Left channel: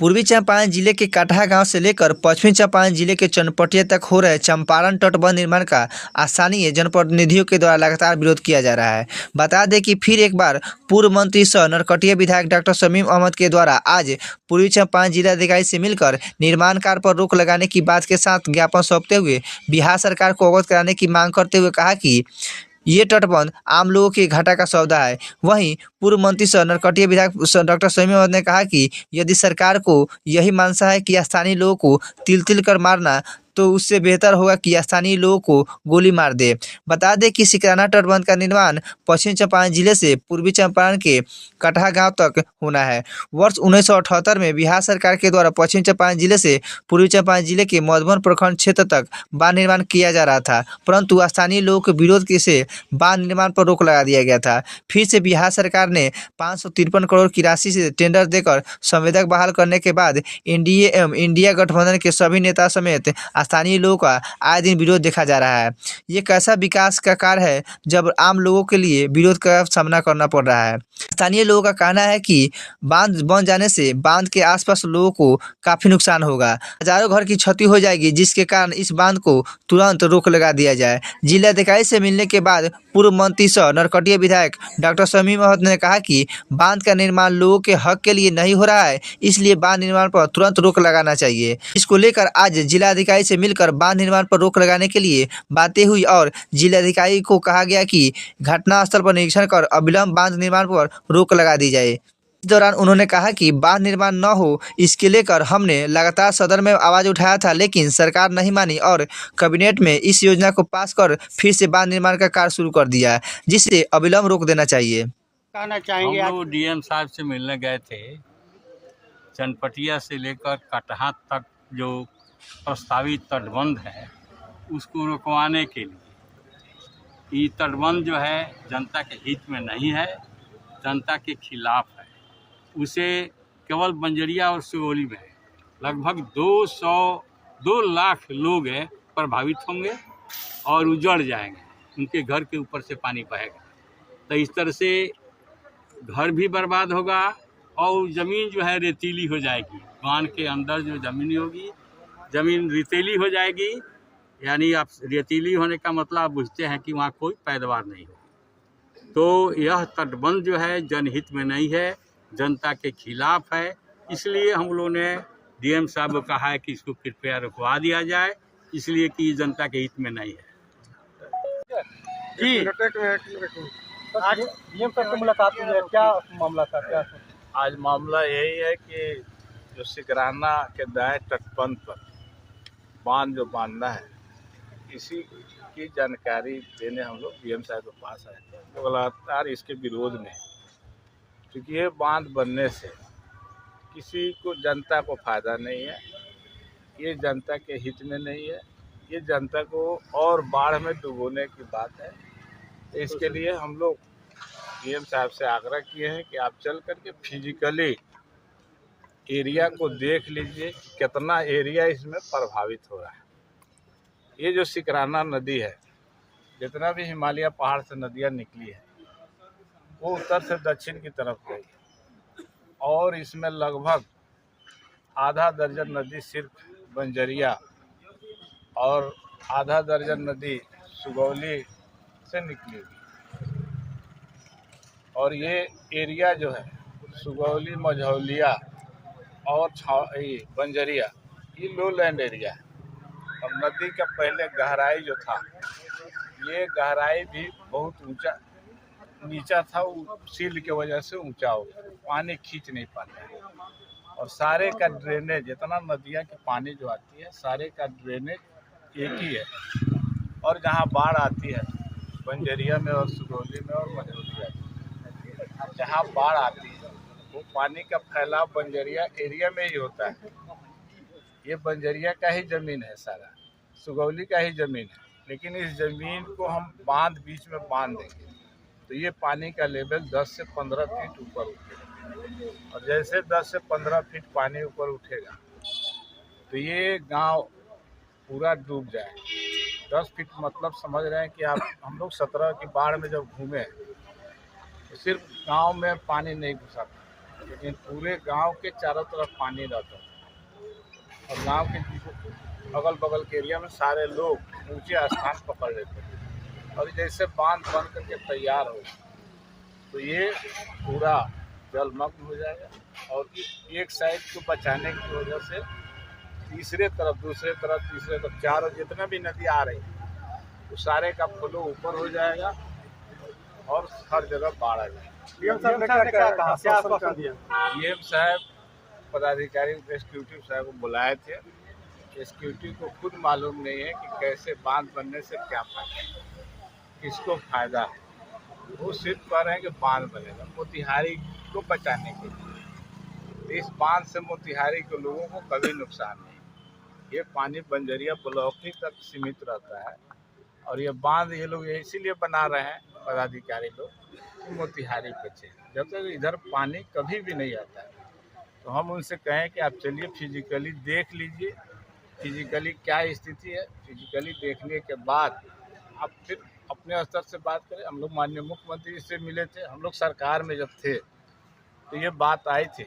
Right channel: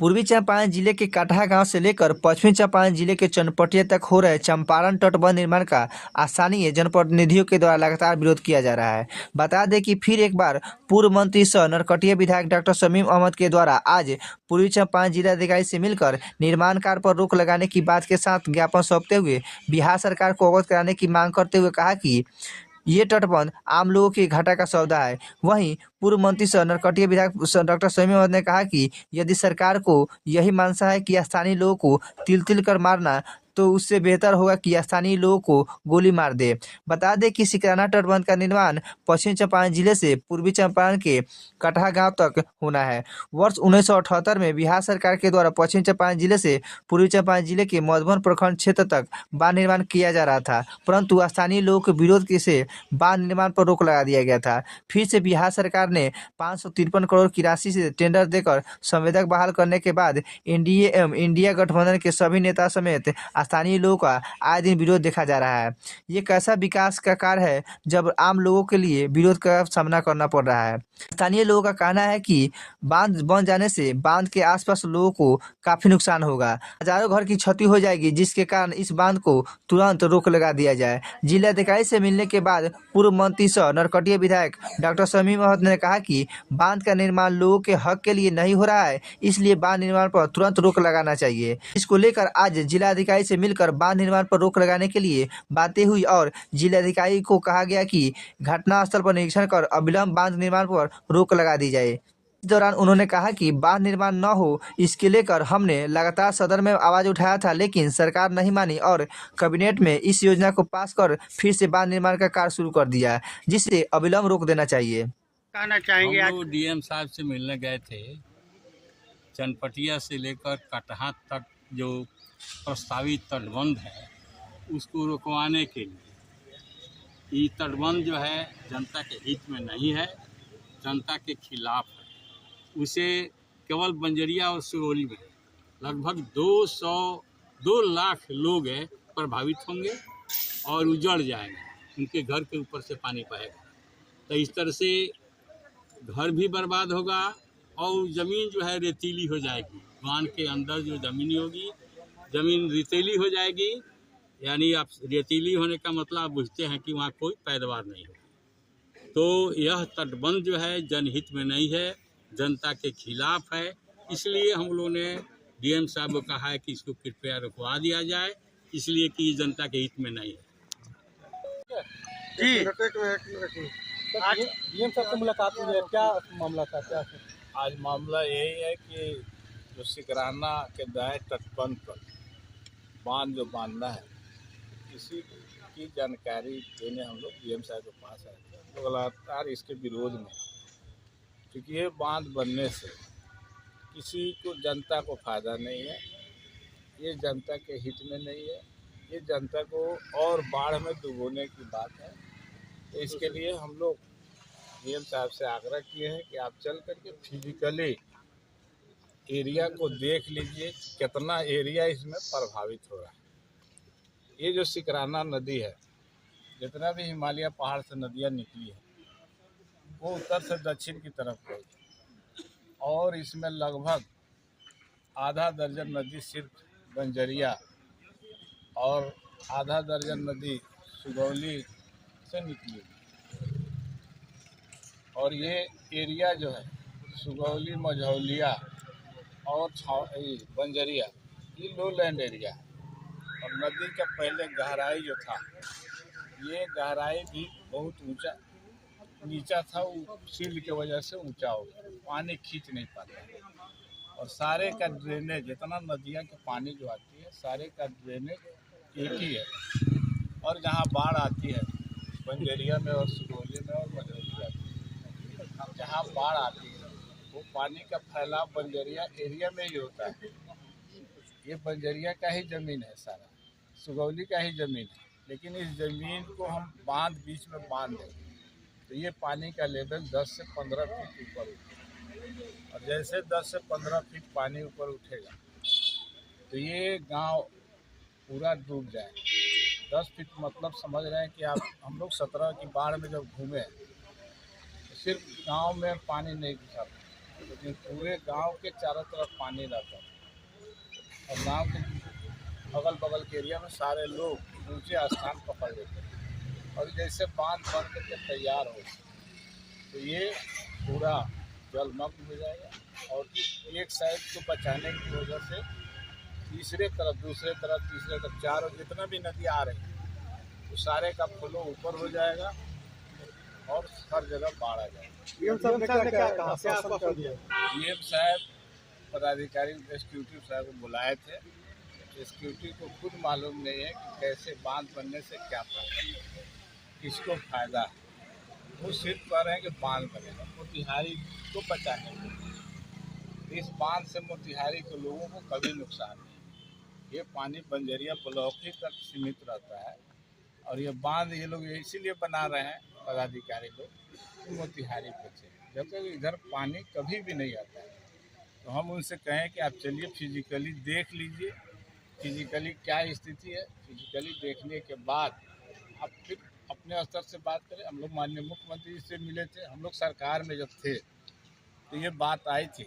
पूर्वी चंपारण जिले के कटहा गांव से लेकर पश्चिमी चंपारण जिले के चनपटिया तक हो रहे चंपारण तटबंध निर्माण का स्थानीय जनप्रतिनिधियों के द्वारा लगातार विरोध किया जा रहा है। बता दें कि फिर एक बार पूर्व मंत्री सह नरकटिया विधायक डॉक्टर शमीम अहमद के द्वारा आज पूर्वी चंपारण जिलाधिकारी से मिलकर निर्माण कार्य पर रोक लगाने की बात के साथ ज्ञापन सौंपते हुए बिहार सरकार को अवगत कराने की मांग करते हुए कहा कि ये तटबंध आम लोगों के घाटा का सौदा है। वहीं पूर्व मंत्री सह नरकटिया विधायक डॉक्टर शमीम अहमद ने कहा कि यदि सरकार को यही मंशा है कि स्थानीय लोगों को तिल तिल कर मारना, तो उससे बेहतर होगा कि स्थानीय लोगों को गोली मार दे। बता दें कि सिकराना तटबंध का निर्माण पश्चिम चंपारण जिले से पूर्वी चंपारण के कटहा गांव तक होना है। वर्ष 1978 में बिहार सरकार के द्वारा पश्चिम चंपारण जिले से पूर्वी चंपारण जिले के मधुबन प्रखंड क्षेत्र तक बांध निर्माण किया जा रहा था, परंतु स्थानीय लोगों के विरोध से बांध निर्माण पर रोक लगा दिया गया था। फिर से बिहार सरकार ने 553 करोड़ की राशि से टेंडर देकर संवेदक बहाल करने के बाद एनडीए एवं इंडिया गठबंधन के सभी नेता समेत स्थानीय लोगों का आए दिन विरोध देखा जा रहा है। ये कैसा विकास का कार्य है जब आम लोगों के लिए विरोध का सामना करना पड़ रहा है। स्थानीय लोगों का कहना है कि बांध बन जाने से बांध के आसपास लोगों को काफी नुकसान होगा, हजारों घर की क्षति हो जाएगी, जिसके कारण इस बांध को तुरंत रोक लगा दिया जाए। जिलाधिकारी से मिलने के बाद पूर्व मंत्री सह नरकटिया विधायक डॉक्टर शमीम अहमद ने कहा कि बांध का निर्माण लोगों के हक के लिए नहीं हो रहा है, इसलिए बांध निर्माण पर तुरंत रोक लगाना चाहिए। इसको लेकर आज जिलाधिकारी से मिलकर बांध निर्माण पर रोक लगाने के लिए बातें हुई और जिलाधिकारी को कहा गया कि घटनास्थल पर निरीक्षण कर अविलंब बांध निर्माण पर रोक लगा दी जाए। इस दौरान उन्होंने कहा कि बांध निर्माण न हो, इसके लेकर हमने लगातार सदन में आवाज उठाया था, लेकिन सरकार नहीं मानी और कैबिनेट में इस योजना को पास कर फिर से बांध निर्माण का कार्य शुरू कर दिया, जिसे अविलंब रोक देना चाहिए। कहना चाहेंगे हम लोग डीएम साहब से मिलने गए थे। चनपटिया से लेकर कटहा तक जो प्रस्तावित तटबंध है उसको रुकवाने के लिए। ये तटबंध जो है जनता के हित में नहीं है, जनता के खिलाफ है। उसे केवल बंजरिया और सुगौली में लगभग 2 लाख लोग प्रभावित होंगे और उजड़ जाएंगे, उनके घर के ऊपर से पानी बहेगा। तो इस तरह से घर भी बर्बाद होगा और ज़मीन जो है रेतीली हो जाएगी। बांध के अंदर जो ज़मीन होगी, ज़मीन रेतीली हो जाएगी। यानी आप रेतीली होने का मतलब आप बुझते हैं कि वहाँ कोई पैदावार नहीं होगी। तो यह तटबंध जो है जनहित में नहीं है, जनता के खिलाफ है। इसलिए हम लोगों ने डीएम साहब को कहा है कि इसको कृपया रुकवा दिया जाए, इसलिए कि ये जनता के हित में नहीं है। जी आज डीएम साहब से मुलाकात हुई है, क्या मामला था? क्या आज मामला यही है कि जो सिकराना के दाएं तटबंध पर बांध जो बांधना है, इसी की जानकारी देने हम लोग डीएम साहब के पास आए थे। तो लगातार इसके विरोध में, क्योंकि ये बांध बनने से किसी को, जनता को फ़ायदा नहीं है, ये जनता के हित में नहीं है, ये जनता को और बाढ़ में डुबोने की बात है। इसके लिए हम लोग डीएम साहब से आग्रह किए हैं कि आप चल करके फिजिकली एरिया को देख लीजिए, कितना एरिया इसमें प्रभावित हो रहा है। ये जो सिकराना नदी है, जितना भी हिमालय पहाड़ से नदियाँ निकली है, वो उत्तर से दक्षिण की तरफ गई और इसमें लगभग आधा दर्जन नदी सिर्फ बंजरिया और आधा दर्जन नदी सुगौली से निकली हुई। और ये एरिया जो है सुगौली, मझौलिया और बंजरिया, ये लो लैंड एरिया है। और नदी का पहले गहराई जो था, ये गहराई भी बहुत नीचा था, वो सील की वजह से ऊंचा हो गया, पानी खींच नहीं पाता है। और सारे का ड्रेनेज, जितना नदियाँ की पानी जो आती है, सारे का ड्रेनेज एक ही है। और जहाँ बाढ़ आती है बंजरिया में और सुगौली में और मझौलिया में, जहाँ बाढ़ आती है वो पानी का फैलाव बंजरिया एरिया में ही होता है। ये बंजरिया का ही ज़मीन है, सारा सुगौली का ही ज़मीन है, लेकिन इस ज़मीन को हम बीच में बांध देंगे तो ये पानी का लेवल 10 से 15 फीट ऊपर उठेगा। और जैसे 10 से 15 फीट पानी ऊपर उठेगा तो ये गांव पूरा डूब जाएगा। 10 फीट मतलब समझ रहे हैं कि आप, हम लोग 17 की बाढ़ में जब घूमे तो सिर्फ गांव में पानी नहीं घुसा था, लेकिन पूरे गांव के चारों तरफ पानी रहता था और गांव के अगल बगल के एरिया में सारे लोग ऊंचे स्थान पकड़ लेते थे। और जैसे बांध बन करके तैयार हो तो ये पूरा जलमग्न हो जाएगा और एक साइड को बचाने की वजह से तीसरे तरफ, दूसरे तरफ, तीसरे तरफ, चारों जितना भी नदी आ रही तो सारे का फ्लो ऊपर हो जाएगा और हर जगह बाढ़ आ जाएगा। डीएम साहब ने क्या कहा, क्या आश्वासन दिया? डीएम साहब पदाधिकारी एग्जीक्यूटिव साहब को बुलाए थे। एग्जीक्यूटिव को खुद मालूम नहीं है कि कैसे बांध बनने से क्या फायदा है, किसको फायदा है। वो सिर्फ कह रहे हैं कि बांध बनेगा मोतिहारी को बचाने के लिए। इस बांध से मोतिहारी के लोगों को कभी नुकसान नहीं। ये पानी बंजरिया ब्लॉक ही तक सीमित रहता है और ये बांध ये लोग इसीलिए बना रहे हैं पदाधिकारी लोग कि मोतिहारी बचे। जब तक इधर पानी कभी भी नहीं आता है तो हम उनसे कहें कि आप चलिए फिजिकली देख लीजिए, फिजिकली क्या स्थिति है। फिजिकली देखने के बाद आप फिर अपने स्तर से बात करें। हम लोग माननीय मुख्यमंत्री से मिले थे, हम लोग सरकार में जब थे तो ये बात आई थी